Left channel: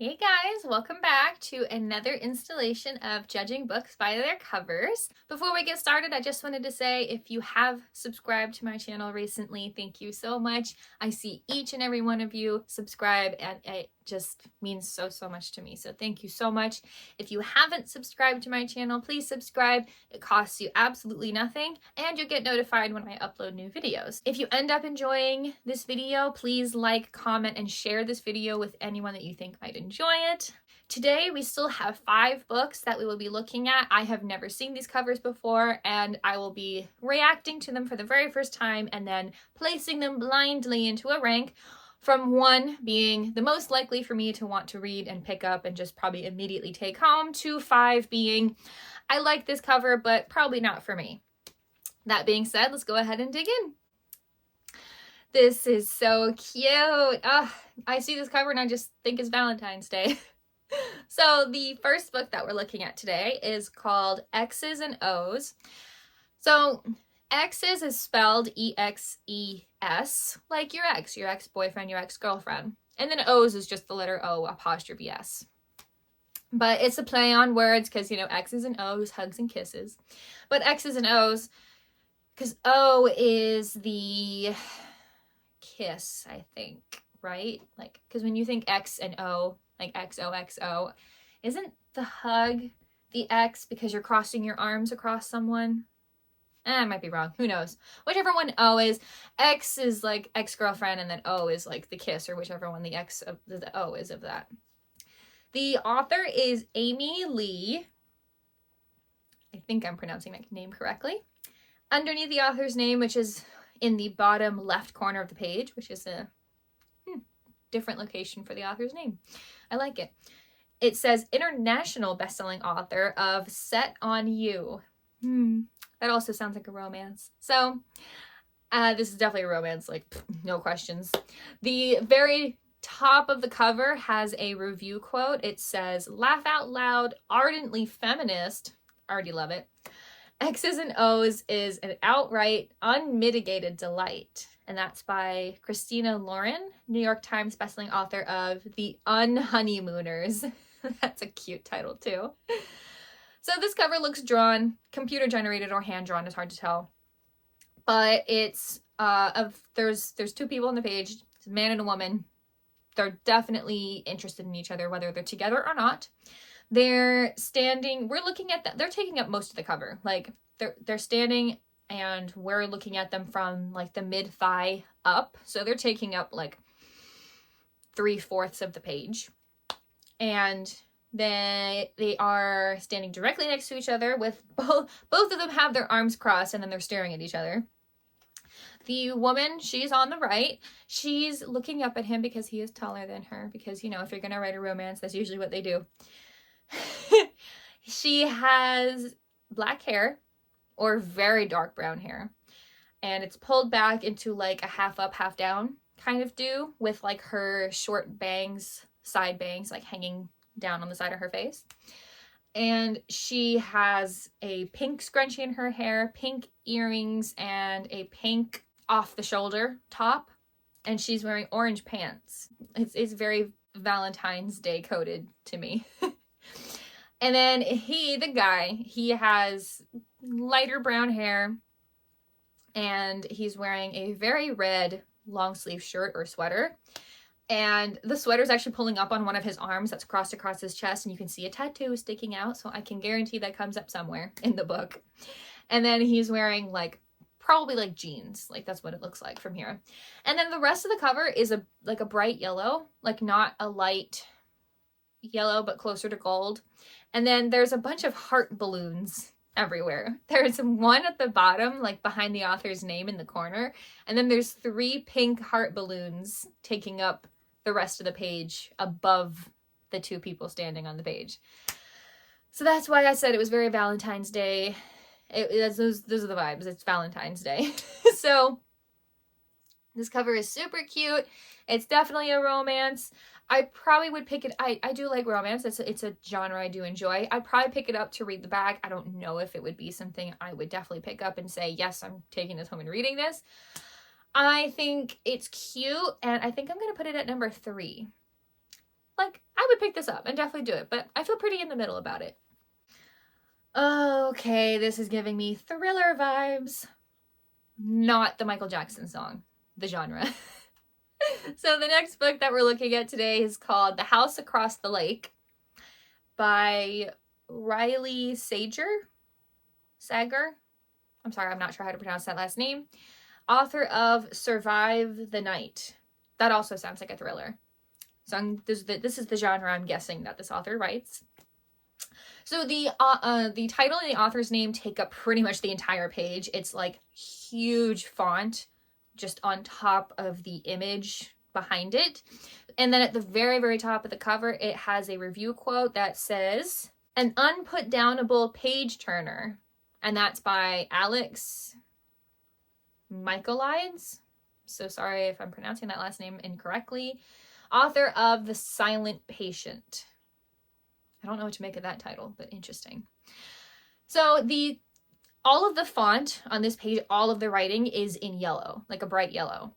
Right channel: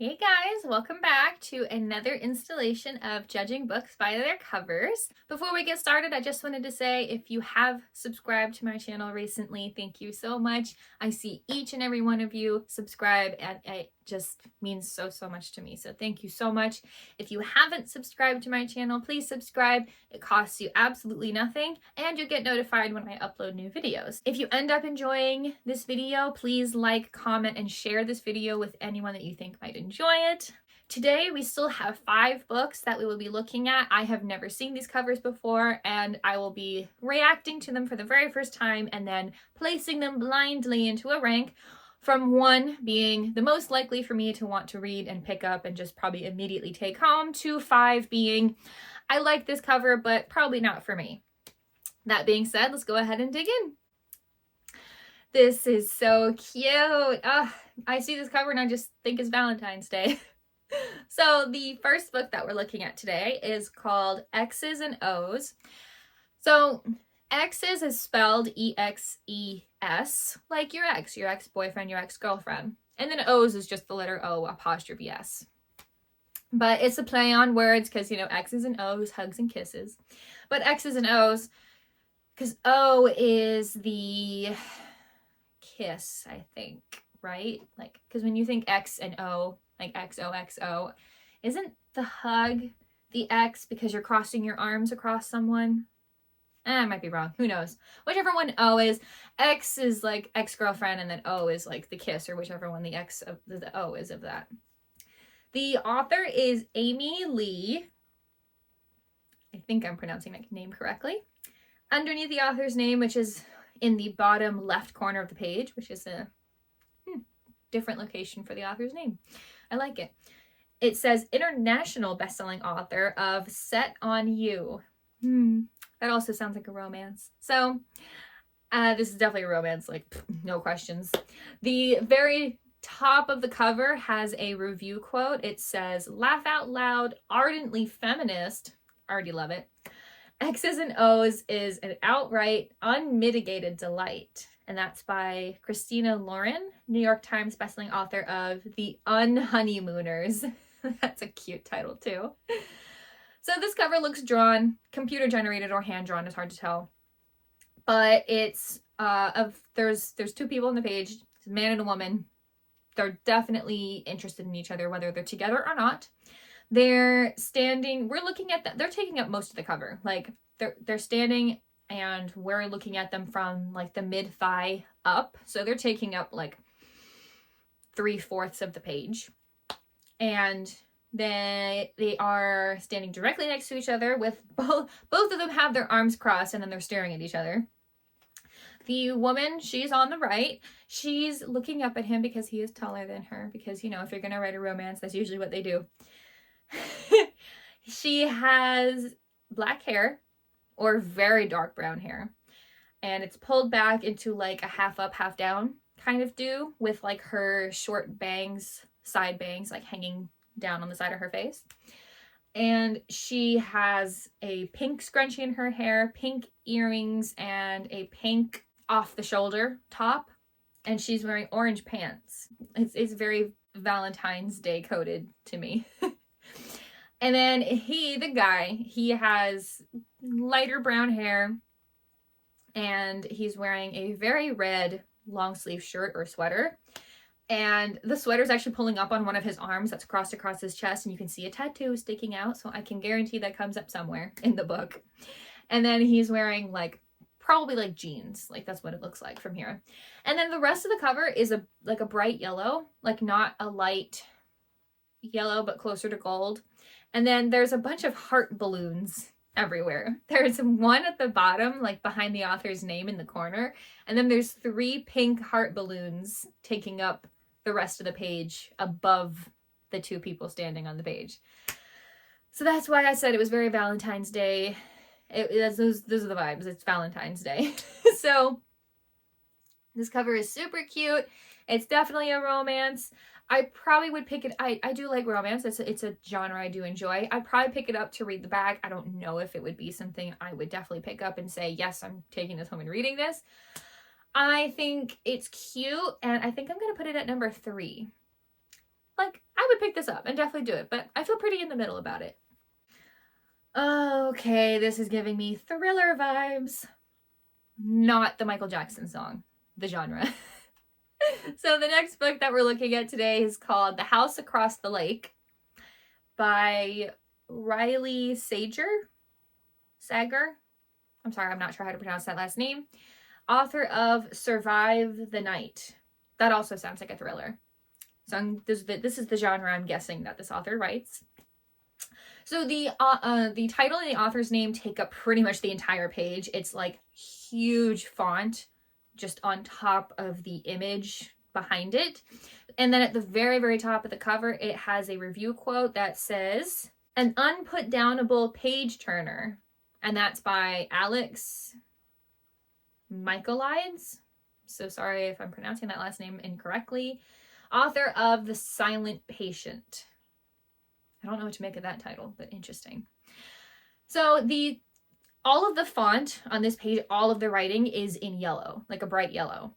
Hey guys, welcome back to another installation of Judging Books by Their Covers. Before we get started, I just wanted to say if you have subscribed to my channel recently, thank you so much. I see each and every one of you subscribe and it just means so much to me. So thank you so much. If you haven't subscribed to my channel, please subscribe. It costs you absolutely nothing and you'll get notified when I upload new videos. If you end up enjoying this video, please like, comment, and share this video with anyone that you think might enjoy it. Today we still have 5 books that we will be looking at. I have never seen these covers before and I will be reacting to them for the very first time and then placing them blindly into a rank, from 1 being the most likely for me to want to read and pick up and just probably immediately take home, to 5 being I like this cover but probably not for me. That being said, let's go ahead and dig in. This is so cute. Oh, I see this cover and I just think it's Valentine's Day. So the first book that we're looking at today is called X's and O's. So X's is spelled E-X-E-S, like your ex-boyfriend, your ex-girlfriend. And then O's is just the letter O apostrophe S. But it's a play on words because, X's and O's, hugs and kisses. But X's and O's, because O is the kiss, I think, right? Like, because when you think X and O, like XOXO, isn't the hug the X because you're crossing your arms across someone? I might be wrong. Who knows? Whichever one O is, X is like ex-girlfriend, and then O is like the kiss, or whichever one the X of the O is of that. The author is Amy Lee. I think I'm pronouncing my name correctly. Underneath the author's name, which is in the bottom left corner of the page, which is a different location for the author's name. I like it. It says international bestselling author of Set on You. That also sounds like a romance. So this is definitely a romance, like no questions. The very top of the cover has a review quote. It says, "Laugh out loud, ardently feminist." Already love it. X's and O's is an outright, unmitigated delight. And that's by Christina Lauren, New York Times bestselling author of The Unhoneymooners. That's a cute title too. So this cover looks drawn, computer generated or hand drawn, it's hard to tell. But it's there's 2 people on the page, it's a man and a woman. They're definitely interested in each other, whether they're together or not. They're standing, we're looking at they're taking up most of the cover. Like they're standing and we're looking at them from like the mid-thigh up. So they're taking up like 3/4 of the page. And they are standing directly next to each other with both of them have their arms crossed and then they're staring at each other. The woman, she's on the right. She's looking up at him because he is taller than her. Because, if you're going to write a romance, that's usually what they do. She has black hair or very dark brown hair. And it's pulled back into like a half up, half down kind of do with like her short bangs, side bangs, like hanging down on the side of her face. And she has a pink scrunchie in her hair, pink earrings, and a pink off the shoulder top. And she's wearing orange pants. It's very Valentine's Day coded to me. And then the guy, he has lighter brown hair and he's wearing a very red long sleeve shirt or sweater. And the sweater is actually pulling up on one of his arms that's crossed across his chest, and you can see a tattoo sticking out. So I can guarantee that comes up somewhere in the book. And then he's wearing probably like jeans. Like that's what it looks like from here. And then the rest of the cover is a bright yellow, like not a light yellow, but closer to gold. And then there's a bunch of heart balloons everywhere. There's one at the bottom, like behind the author's name in the corner. And then there's 3 pink heart balloons taking up the rest of the page above the 2 people standing on the page. So that's why I said it was very Valentine's Day. Those are the vibes. It's Valentine's Day. So this cover is super cute. It's definitely a romance. I probably would pick it. I do like romance. It's a genre I do enjoy. I'd probably pick it up to read the back. I don't know if it would be something I would definitely pick up and say, yes, I'm taking this home and reading this. I think it's cute, and I think I'm going to put it at number 3. Like, I would pick this up and definitely do it, but I feel pretty in the middle about it. Okay, this is giving me thriller vibes. Not the Michael Jackson song, the genre. So the next book that we're looking at today is called The House Across the Lake by Riley Sager. I'm sorry, I'm not sure how to pronounce that last name. Author of Survive the Night. That also sounds like a thriller. So this is the genre I'm guessing that this author writes. So the title and the author's name take up pretty much the entire page. It's like huge font just on top of the image behind it. And then at the very, very top of the cover, it has a review quote that says, "An unputdownable page turner." And that's by Alex Michaelides. So sorry if I'm pronouncing that last name incorrectly. Author of The Silent Patient. I don't know what to make of that title, but interesting. So all of the font on this page, all of the writing is in yellow, like a bright yellow.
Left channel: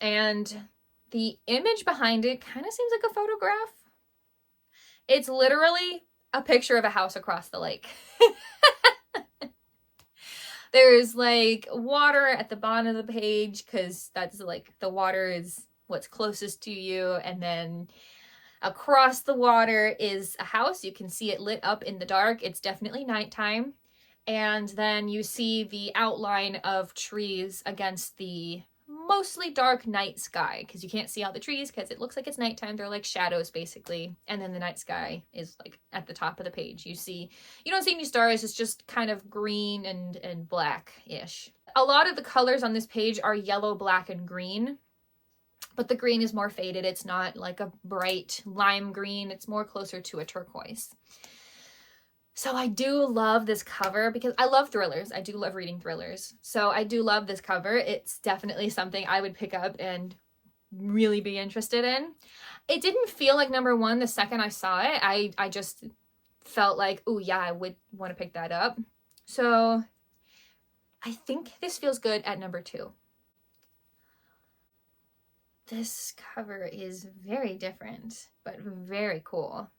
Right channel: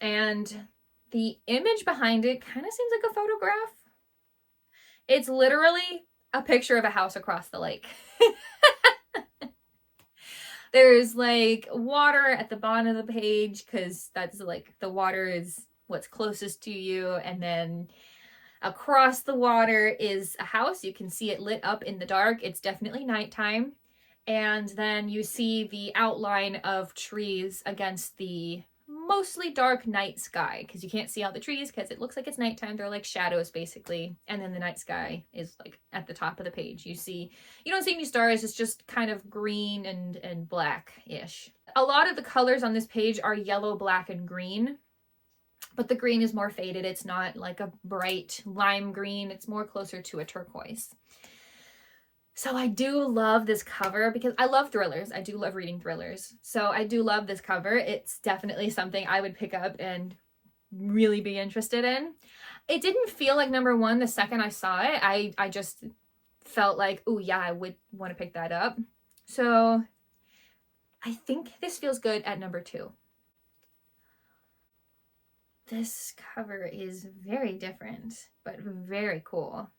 And the image behind it kind of seems like a photograph. It's literally a picture of a house across the lake. There's like water at the bottom of the page because that's like the water is what's closest to you. And then across the water is a house. You can see it lit up in the dark. It's definitely nighttime. And then you see the outline of trees against the mostly dark night sky because you can't see all the trees because it looks like it's nighttime. They're like shadows basically. And then the night sky is like at the top of the page. You don't see any stars. It's just kind of green and black-ish. A lot of the colors on this page are yellow, black, and green. But the green is more faded. It's not like a bright lime green. It's more closer to a turquoise. So I do love this cover because I love thrillers. I do love reading thrillers. So I do love this cover. It's definitely something I would pick up and really be interested in. It didn't feel like number one the second I saw it. I just felt like, oh yeah, I would want to pick that up. So I think this feels good at number 2. This cover is very different, but very cool.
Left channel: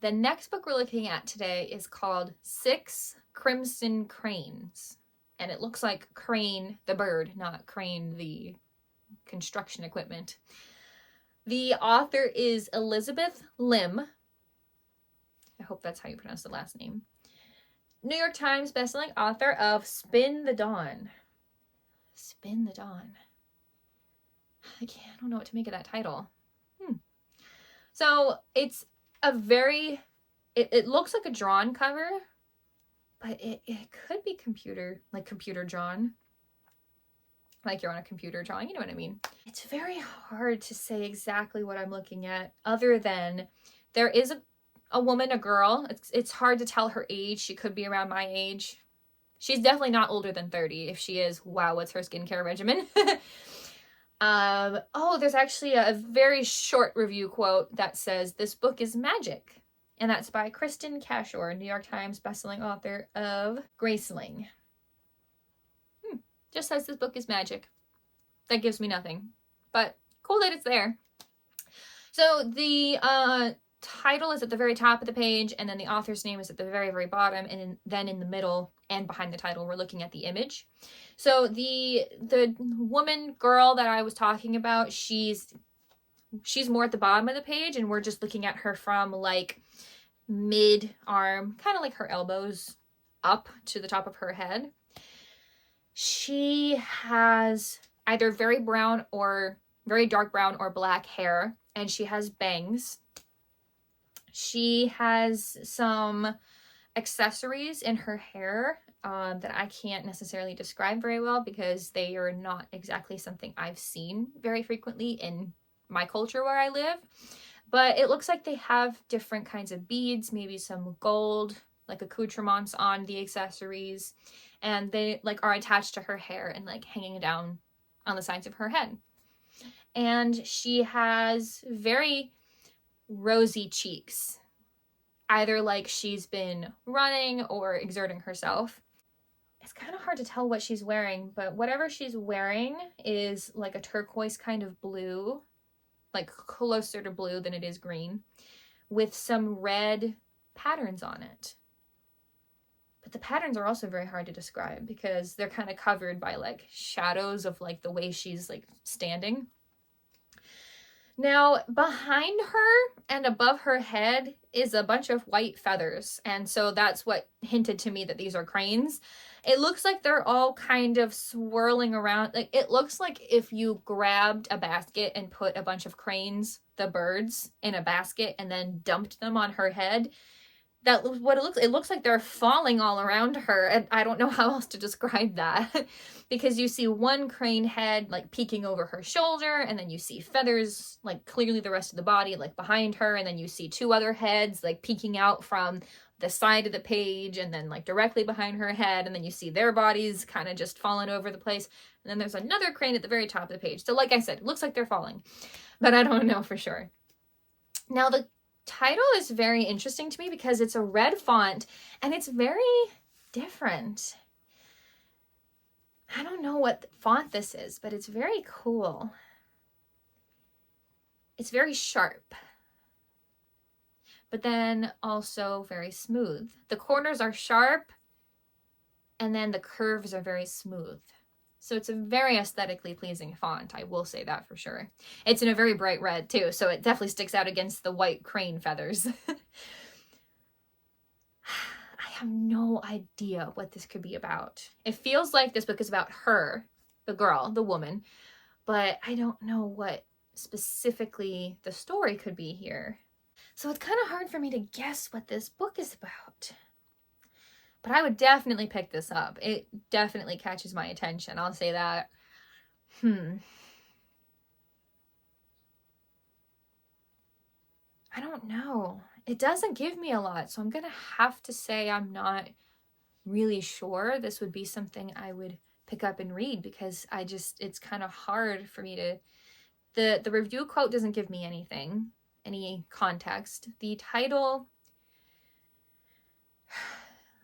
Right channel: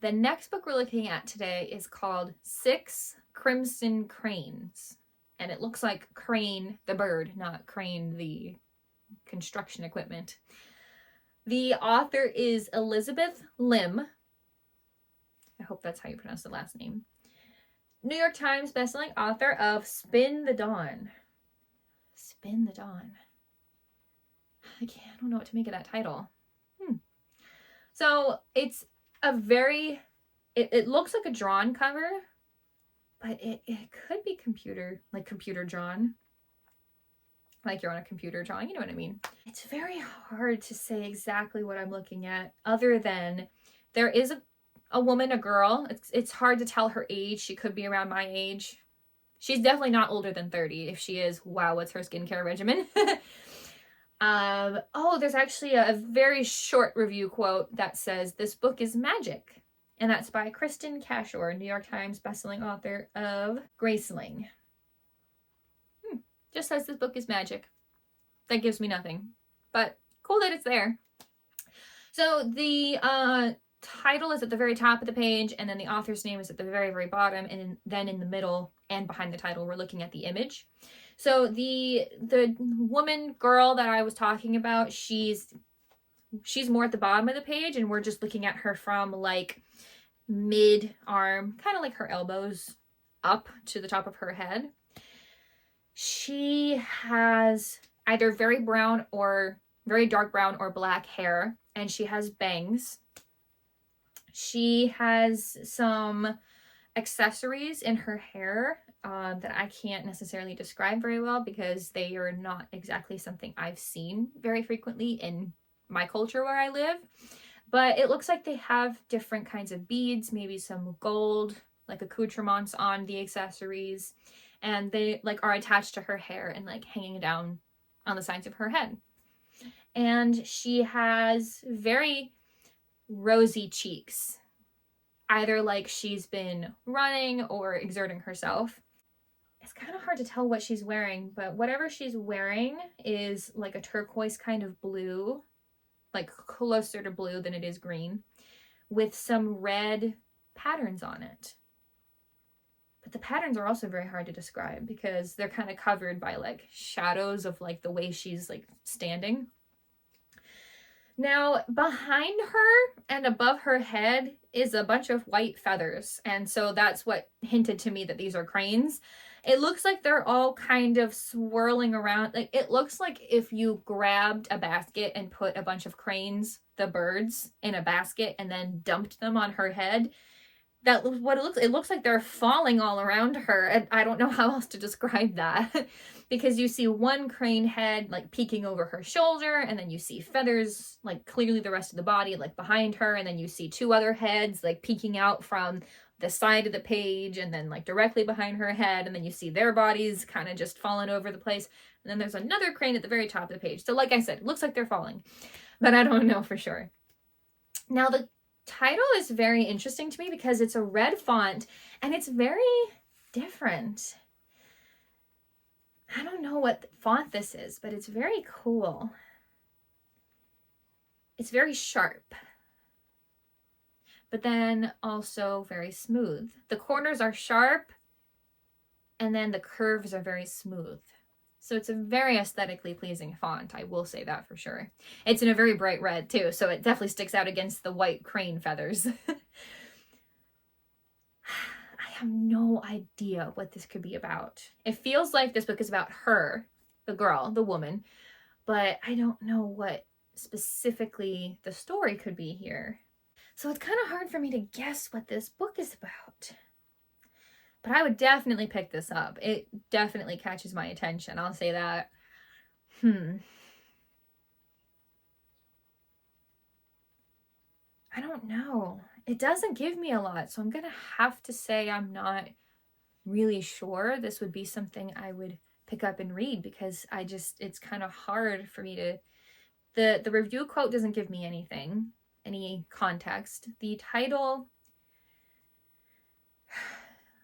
The next book we're looking at today is called 6 Crimson Cranes. And it looks like crane, the bird, not crane, the construction equipment. The author is Elizabeth Lim. I hope that's how you pronounce the last name. New York Times bestselling author of Spin the Dawn. Spin the Dawn. I don't know what to make of that title. So it's a very, it looks like a drawn cover, but it could be computer drawn. Like you're on a computer drawing, you know what I mean? It's very hard to say exactly what I'm looking at other than there is a woman, a girl. It's hard to tell her age. She could be around my age. She's definitely not older than 30. If she is, wow, what's her skincare regimen? There's actually a very short review quote that says, "This book is magic." And that's by Kristen Cashore, New York Times bestselling author of Graceling. Just says this book is magic. That gives me nothing, but cool that it's there. So the title is at the very top of the page, and then the author's name is at the very, very bottom, and then in the middle and behind the title, we're looking at the image. So the woman, girl that I was talking about, she's more at the bottom of the page, and we're just looking at her from like mid-arm, kind of like her elbows up to the top of her head. She has either very brown or very dark brown or black hair, and she has bangs. She has some accessories in her hair that I can't necessarily describe very well because they are not exactly something I've seen very frequently in my culture where I live. But it looks like they have different kinds of beads, maybe some gold, like accoutrements on the accessories, and they like are attached to her hair and like hanging down on the sides of her head. And she has very rosy cheeks, either like she's been running or exerting herself. It's kind of hard to tell what she's wearing, but whatever she's wearing is like a turquoise kind of blue. like closer to blue than it is green, with some red patterns on it. But the patterns are also very hard to describe because they're kind of covered by like shadows of like the way she's like standing. Now, behind her and above her head is a bunch of white feathers. And so that's what hinted to me that these are cranes. It looks like they're all kind of swirling around. Like, it looks like if you grabbed a basket and put a bunch of cranes, the birds, in a basket and then dumped them on her head. That was what it looks. It looks like they're falling all around her. And I don't know how else to describe that. Because you see one crane head like peeking over her shoulder, and then you see feathers like clearly the rest of the body like behind her, and then you see two other heads like peeking out from the side of the page and then like directly behind her head, and then you see their bodies kind of just falling over the place, and then there's another crane at the very top of the page. So like I said, it looks like they're falling, but I don't know for sure. Now the title is very interesting to me because it's a red font and it's very different. I don't know what font this is, but it's very cool. It's very sharp, but then also very smooth. The corners are sharp, and then the curves are very smooth. So it's a very aesthetically pleasing font, I will say that for sure. It's in a very bright red too, so it definitely sticks out against the white crane feathers. I have no idea what this could be about. It feels like this book is about her, the girl, the woman, but I don't know what specifically the story could be here. So it's kind of hard for me to guess what this book is about. But I would definitely pick this up. It definitely catches my attention, I'll say that. I don't know. It doesn't give me a lot, so I'm gonna have to say I'm not really sure this would be something I would pick up and read, because it's kind of hard for me to, the review quote doesn't give me anything, any context. The title,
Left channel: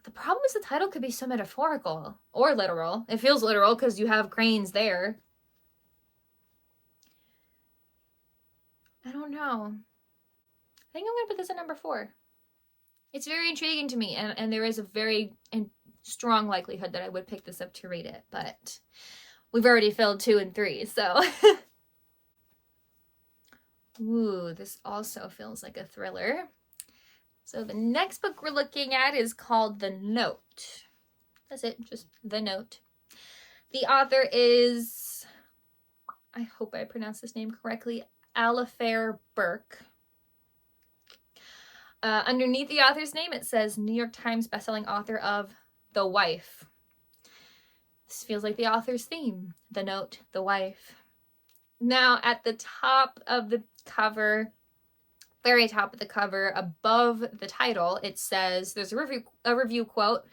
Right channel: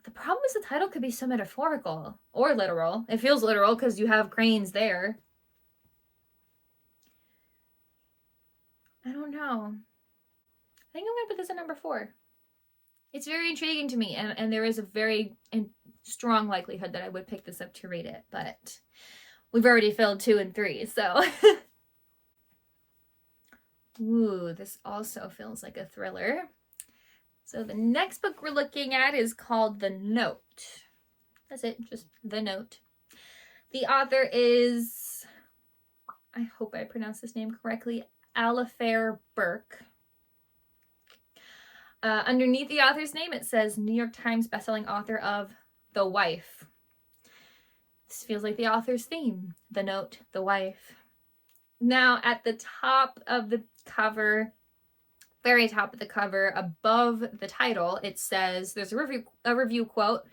the problem is the title could be so metaphorical or literal. It feels literal because you have cranes there. I don't know. I think I'm gonna put this at number 4. It's very intriguing to me, and there is a very strong likelihood that I would pick this up to read it, but we've already filled 2 and 3, so. Ooh, this also feels like a thriller. So the next book we're looking at is called The Note. That's it, just The Note. The author is, I hope I pronounced this name correctly, Alafair Burke. Underneath the author's name, it says New York Times bestselling author of The Wife. This feels like the author's theme. The Note, The Wife. Now, at the top of the cover, very top of the cover, above the title, it says, there's a review quote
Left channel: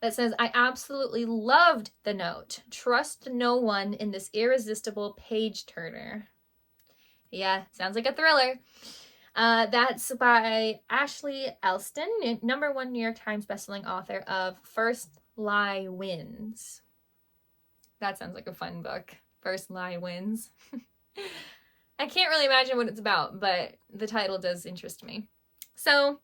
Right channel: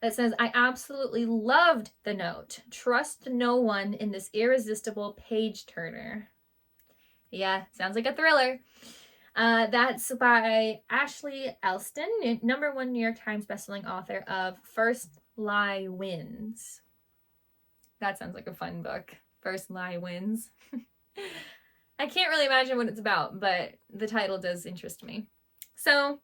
that says, "I absolutely loved The Note. Trust no one in this irresistible page turner." Yeah, sounds like a thriller. That's by Ashley Elston, #1 New York Times bestselling author of First Lie Wins. That sounds like a fun book. First Lie Wins. I can't really imagine what it's about, but the title does interest me. So,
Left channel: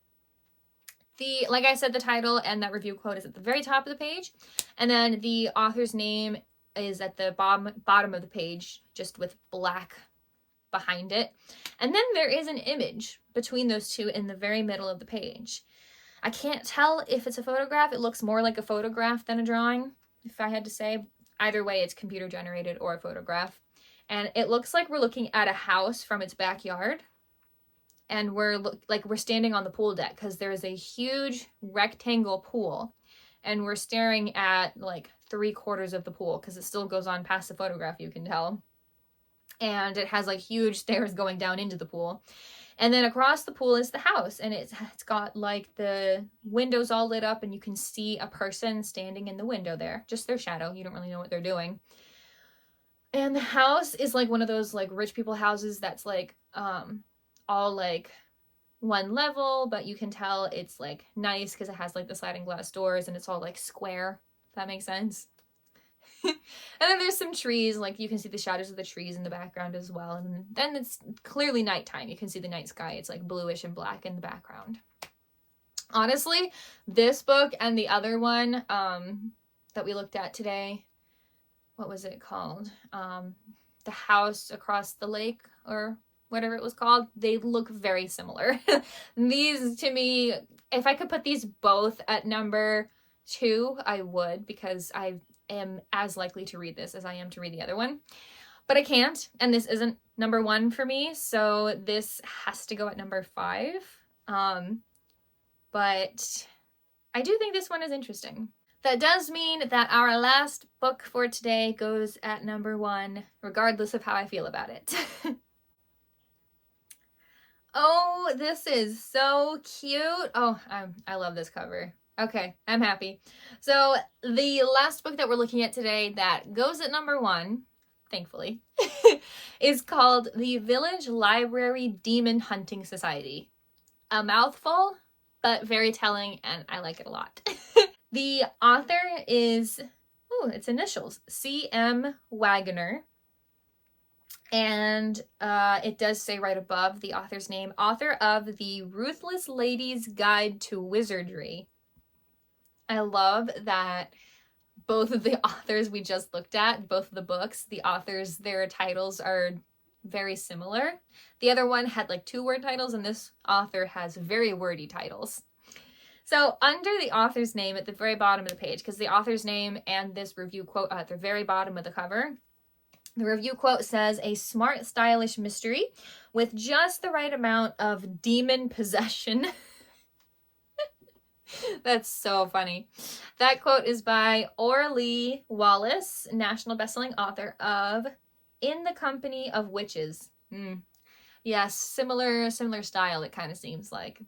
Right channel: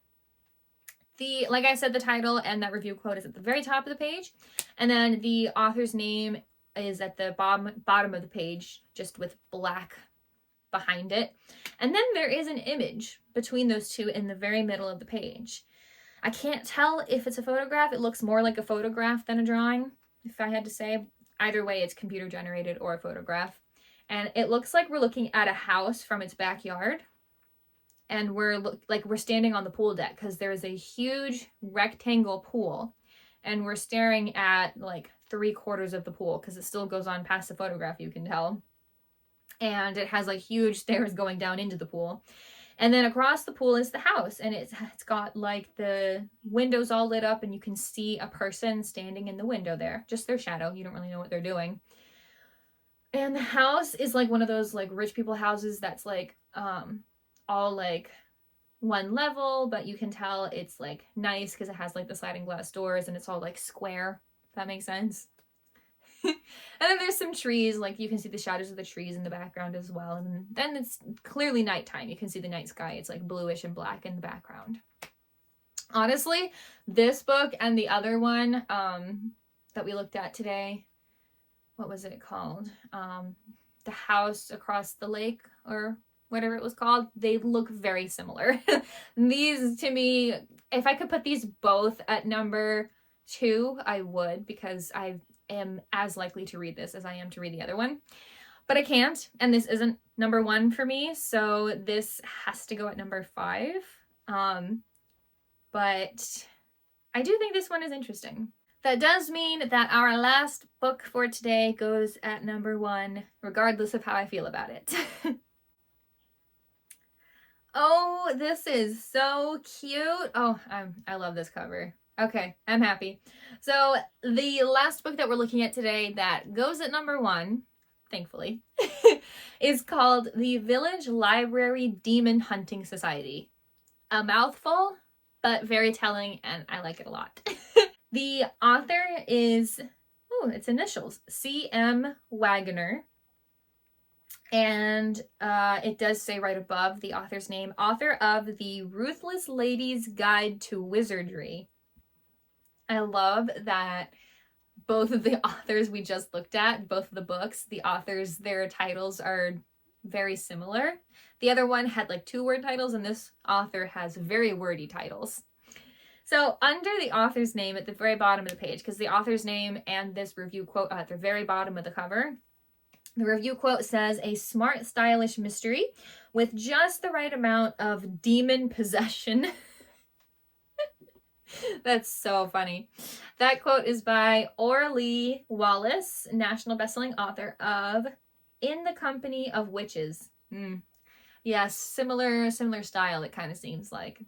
like I said, the title and that review quote is at the very top of the page, and then the author's name is at the bottom of the page, just with black behind it. And then there is an image between those two in the very middle of the page. I can't tell if it's a photograph. It looks more like a photograph than a drawing, if I had to say. Either way, it's computer generated or a photograph. And it looks like we're looking at a house from its backyard. And we're standing on the pool deck because there's a huge rectangle pool. And we're staring at like 3/4 of the pool because it still goes on past the photograph, you can tell. And it has like huge stairs going down into the pool. And then across the pool is the house, and it's got like the windows all lit up, and you can see a person standing in the window there, just their shadow. You don't really know what they're doing. And the house is like one of those like rich people houses that's like all like one level, but you can tell it's like nice because it has like the sliding glass doors and it's all like square, if that makes sense. And then there's some trees, like you can see the shadows of the trees in the background as well. And then it's clearly nighttime. You can see the night sky. It's like bluish and black in the background. Honestly, this book and the other one that we looked at today, what was it called? The House Across the Lake, or whatever it was called, they look very similar. These, to me, if I could put these both at number 2, I would, because I am as likely to read this as I am to read the other one. But I can't, and this isn't number 1 for me, so this has to go at number 5. But I do think this one is interesting. That does mean that our last book for today goes at number 1, regardless of how I feel about it. Oh, this is so cute. Oh, I love this cover. Okay, I'm happy. So the last book that we're looking at today that goes at number 1, thankfully, is called The Village Library Demon Hunting Society. A mouthful, but very telling, and I like it a lot. The author is, its initials, C.M. Wagner. And it does say right above the author's name, author of The Ruthless Lady's Guide to Wizardry. I love that both of the authors we just looked at, both of the books, the authors, their titles are very similar. The other one had like 2-word titles, and this author has very wordy titles. So under the author's name at the very bottom of the page, because the author's name and this review quote are at the very bottom of the cover, the review quote says, "A smart, stylish mystery with just the right amount of demon possession." That's so funny. That quote is by Orly Wallace, national bestselling author of In the Company of Witches. Yes, similar style, it kind of seems like.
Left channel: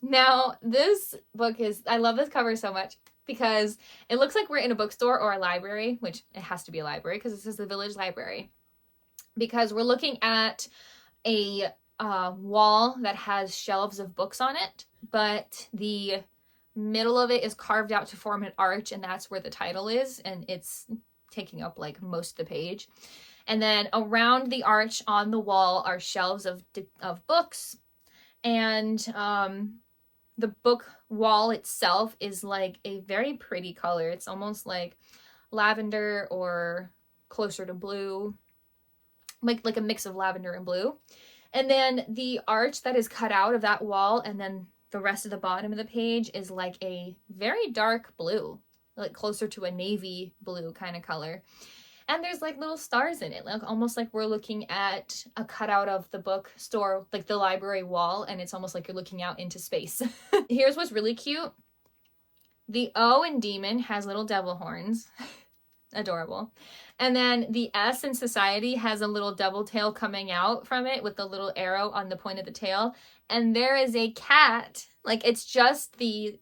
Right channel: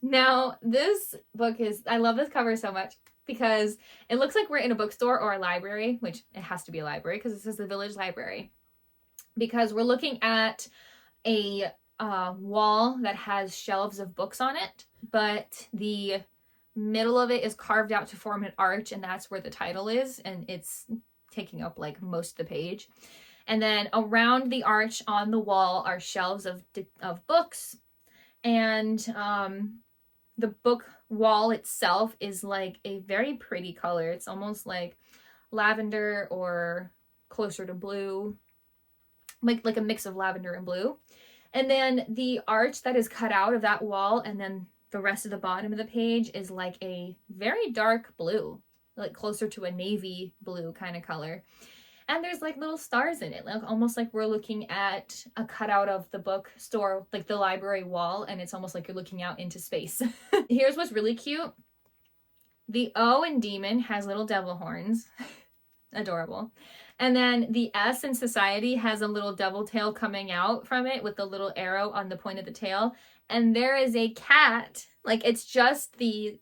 Now, this book is, I love this cover so much because it looks like we're in a bookstore or a library, which it has to be a library because this is the Village Library. Because we're looking at a wall that has shelves of books on it, but the middle of it is carved out to form an arch, and that's where the title is, and it's taking up like most of the page. And then around the arch on the wall are shelves of books, and the book wall itself is like a very pretty color. It's almost like lavender or closer to blue, like a mix of lavender and blue. And then the arch that is cut out of that wall, and then the rest of the bottom of the page is like a very dark blue, like closer to a navy blue kind of color. And there's like little stars in it, like almost like we're looking at a cutout of the bookstore, like the library wall, and it's almost like you're looking out into space. Here's what's really cute. The O in demon has little devil horns. Adorable. And then the S in society has a little devil tail coming out from it with the little arrow on the point of the tail. And there is a cat, like it's just the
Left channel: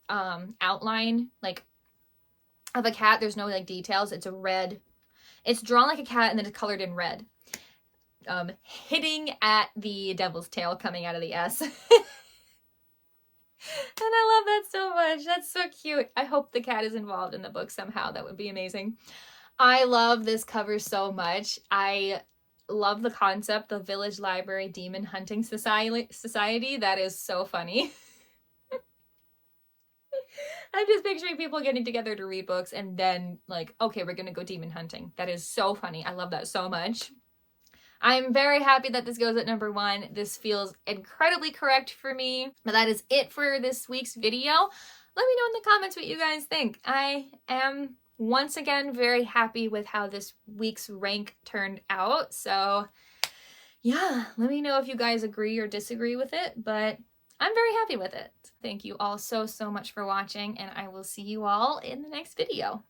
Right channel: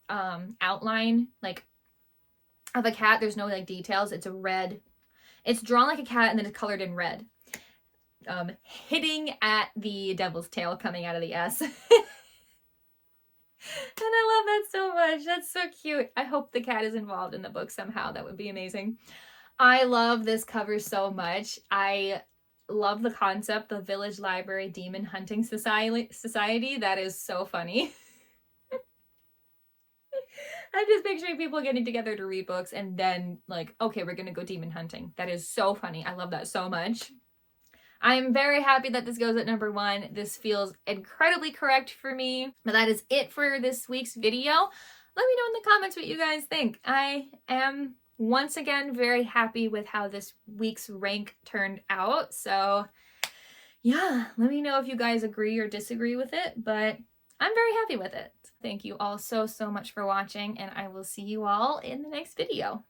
outline like of a cat. There's no like details. It's a red, it's drawn like a cat and then it's colored in red. Hitting at the devil's tail coming out of the S. And I love that so much. That's so cute. I hope the cat is involved in the book somehow. That would be amazing. I love this cover so much. I love the concept, the Village Library Demon Hunting Society. That is so funny. I'm just picturing people getting together to read books and then like, okay, we're gonna go demon hunting. That is so funny. I love that so much. I'm very happy that this goes at number 1. This feels incredibly correct for me. But that is it for this week's video. Let me know in the comments what you guys think. I am once again very happy with how this week's rank turned out. So yeah, let me know if you guys agree or disagree with it, but I'm very happy with it. Thank you all so much for watching, and I will see you all in the next video.